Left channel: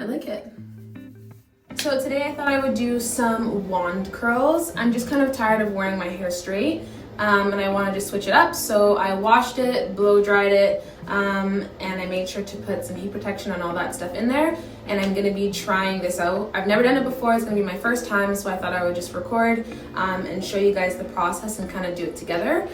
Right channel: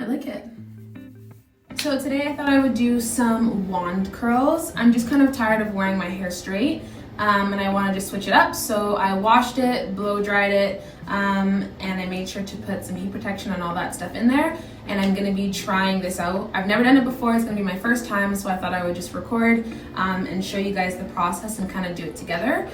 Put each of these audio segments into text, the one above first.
I like it. So today I thought I would do some wand curls. I'm just kind of tired of wearing my hair straight, and I want to just switch it up. So I washed it, blow dried it, and I made sure to put some heat protection and all that stuff in there. And I'm gonna be trying this out. I've never done it before, it's gonna be my first time, so I thought I would just record and show you guys the process and kind of do it together.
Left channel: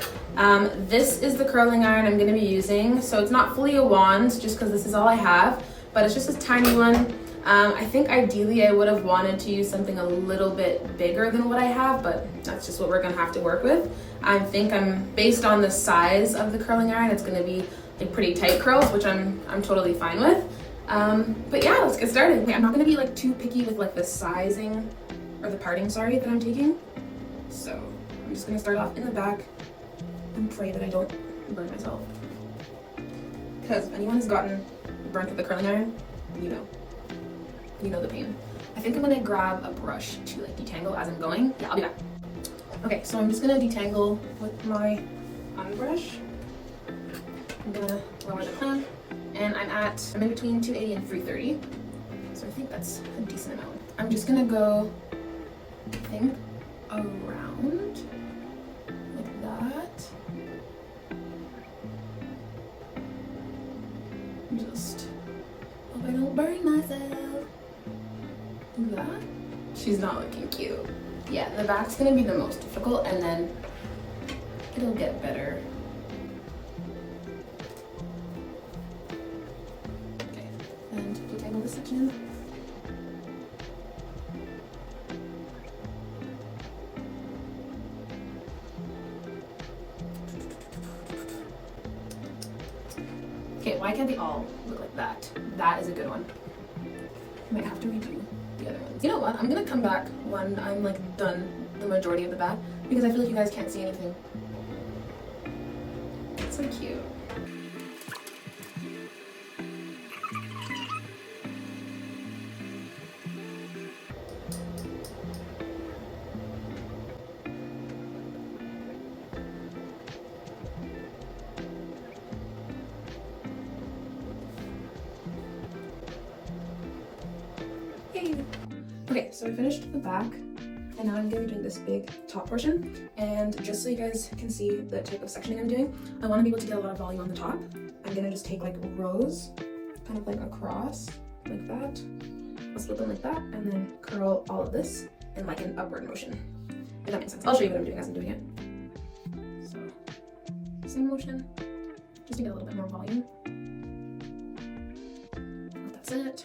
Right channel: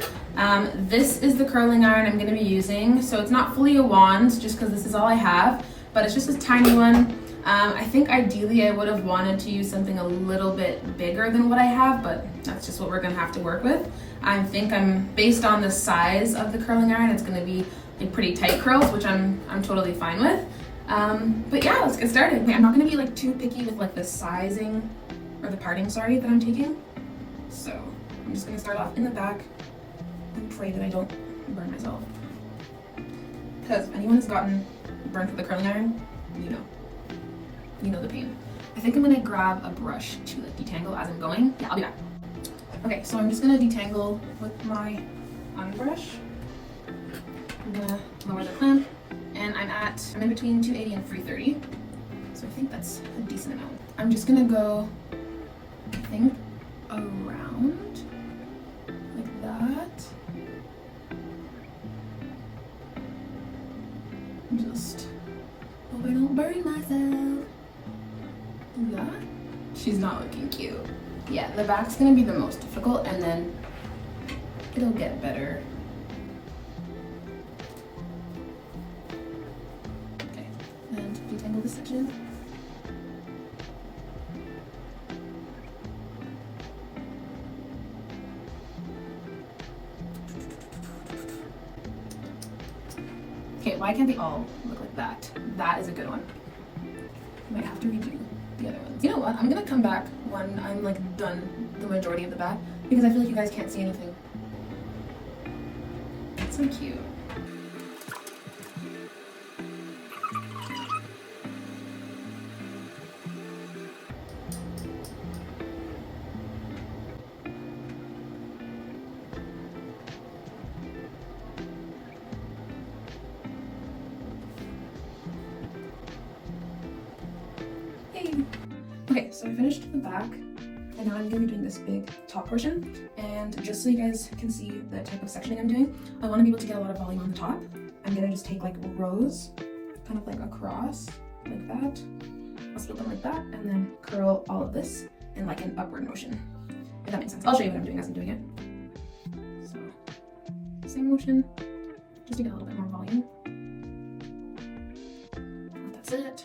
This is the curling iron I'm gonna be using. So it's not fully a wand, just because this is all I have, but it's just a tiny one. I think ideally I would have wanted to use something a little bit bigger than what I have, but that's just what we're gonna have to work with. I think based on the size of the curling iron, it's gonna be like pretty tight curls, which I'm totally fine with. But yeah, let's get started. Okay, I'm not gonna be like too picky with like the sizing or the parting, sorry, that I'm taking. So I'm just gonna start off in the back and pray that I don't burn myself. Because if anyone has gotten burnt with the curling iron, you know the pain. I think I'm gonna grab a brush to like detangle as I'm going. Yeah, I'll be back. Okay, so I'm just gonna detangle with my brush. I'm gonna lower the clamp, and I'm in between 280 and 330, so I think that's a decent amount. I'm just gonna go, I think, around like that. Just hope I don't burn myself. Do that. She's not looking cute. Yeah, the back's gonna be the most difficult, and then it'll get better. Okay, and detangle this section. Okay, why can't they all look like that? That is a good one. I might have to redo the other ones. You know what? I'm gonna come back when I'm like done the majority of the back, because I feel like you guys can't see anything. It's so cute. Okay, so I finished the back, and now I'm going to be doing this big top portion. And just so you guys can see the type of sectioning I'm doing, I want to be able to get a lot of volume on the top. I'm going to just take like rows, kind of like across, like that, a little bit like that, and then curl all of this in like an upward motion. If that makes sense. I'll show you what I'm doing as I'm doing it. So, same motion, just to get a little bit more volume. That's it.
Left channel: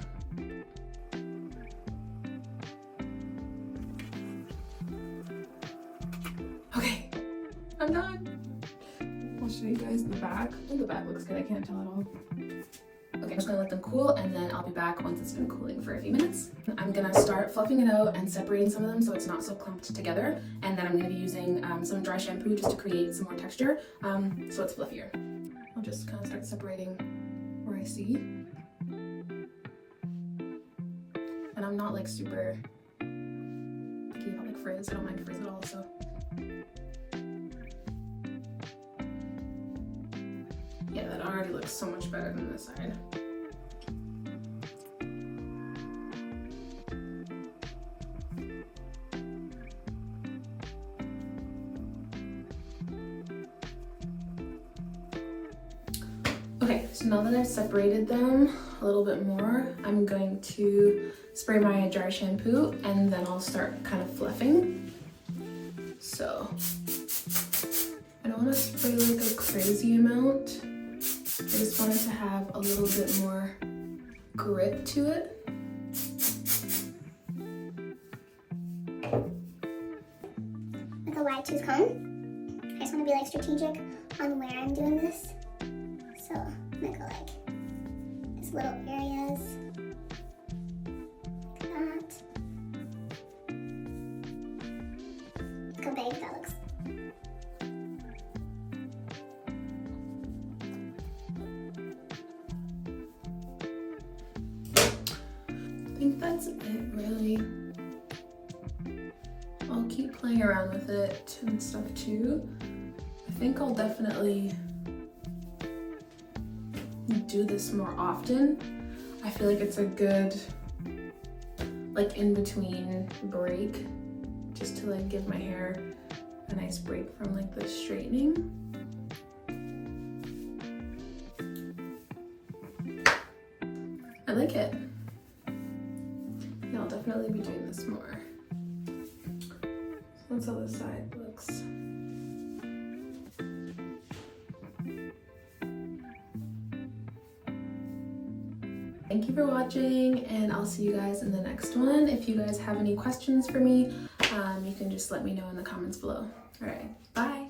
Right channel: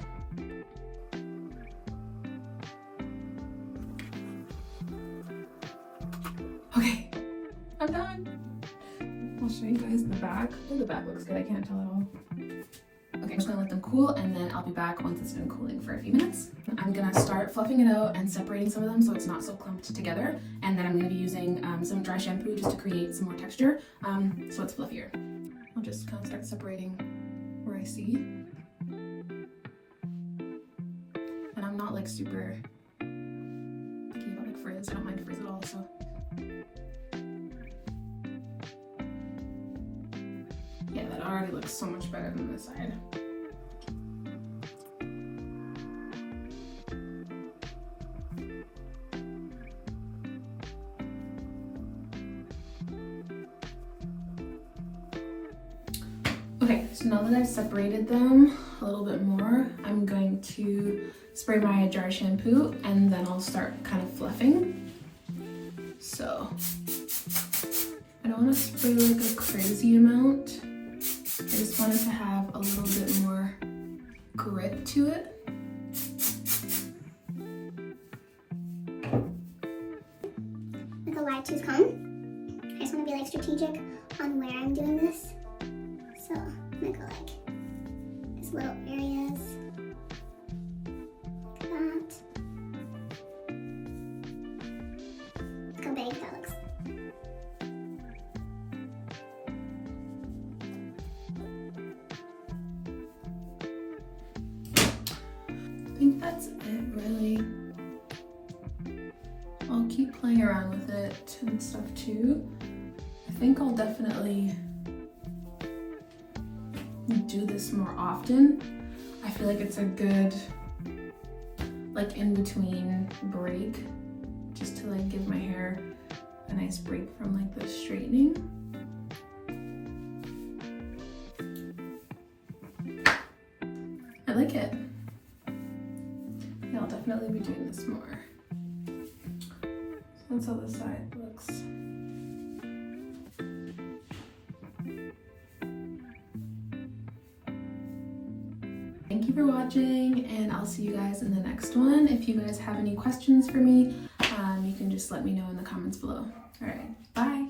Okay, I'm done. I'll show you guys the back. Oh, the back looks good. I can't tell at all. Okay, I'm just gonna let them cool, and then I'll be back once it's been cooling for a few minutes. I'm gonna start fluffing it out and separating some of them so it's not so clumped together. And then I'm gonna be using some dry shampoo just to create some more texture, so it's fluffier. I'll just kind of start separating where I see. And I'm not like super picky about like frizz. I don't mind frizz at all, so. Yeah, that already looks so much better than this side. Okay, so now that I've separated them a little bit more, I'm going to spray my dry shampoo, and then I'll start kind of fluffing. So, I don't want to spray like a crazy amount. I just want it to have a little bit more grip to it. With a wide tooth comb, I just want to be like strategic on where I'm doing this. So I'm gonna go like these little areas, like that. Look how big that looks. I think that's it, really. I'll keep playing around with it and stuff too. I think I'll definitely do this more often. I feel like it's a good like in between break, just to like give my hair a nice break from like the straightening. I like it. I'll definitely be doing this more. So that's how the side looks. Thank you for watching, and I'll see you guys in the next one. If you guys have any questions for me, you can just let me know in the comments below. All right, bye.